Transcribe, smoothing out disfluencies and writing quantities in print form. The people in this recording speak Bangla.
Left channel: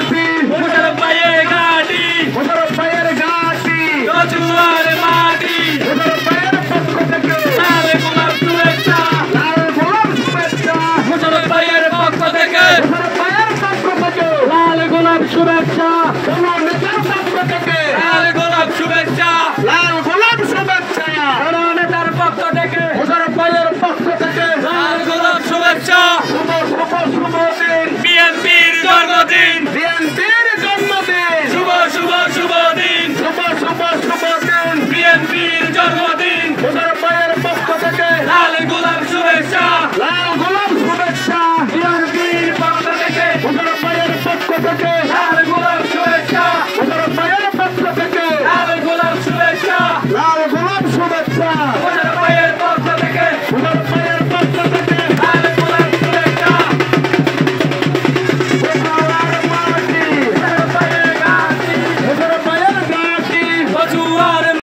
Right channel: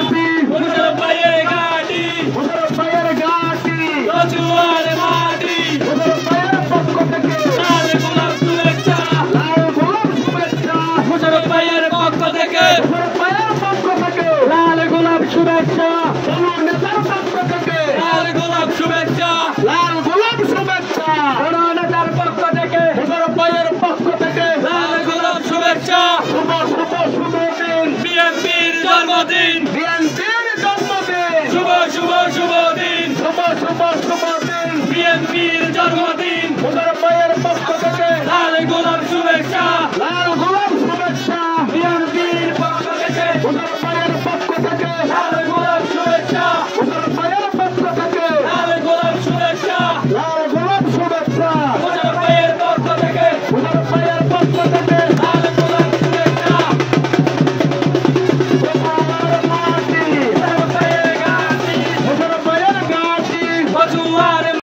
ঘাটি মোশাররফ ভাইয়ের ঘাটি মোশাররফ ভাইয়ের ঘাটি কচুয়ার মাটি মোশাররফ ভাইয়ের পক্ষ থেকে লাল গোলাপ শুভেচ্ছা লাল গোলাপ শুভেচ্ছা মোশাররফ ভাইয়ের পক্ষ থেকে মোশাররফ ভাইয়ের পক্ষ থেকে লাল গোলাপ শুভেচ্ছা কোন নেতার পক্ষ থেকে লাল গোলাপ শুভেচ্ছা লাল গোলাপ শুভেচ্ছা কোন নেতার পক্ষ থেকে মোশাররফ ভাইয়ের পক্ষ থেকে লাল গোলাপ শুভেচ্ছা শুভ শুভ শুভ দিন বিএনপির জন্মদিন বিএনপির জন্মদিন শুভ শুভ শুভ দিন শুভ শুভ শুভ দিন বিএনপির জন্মদিন মোশাররফ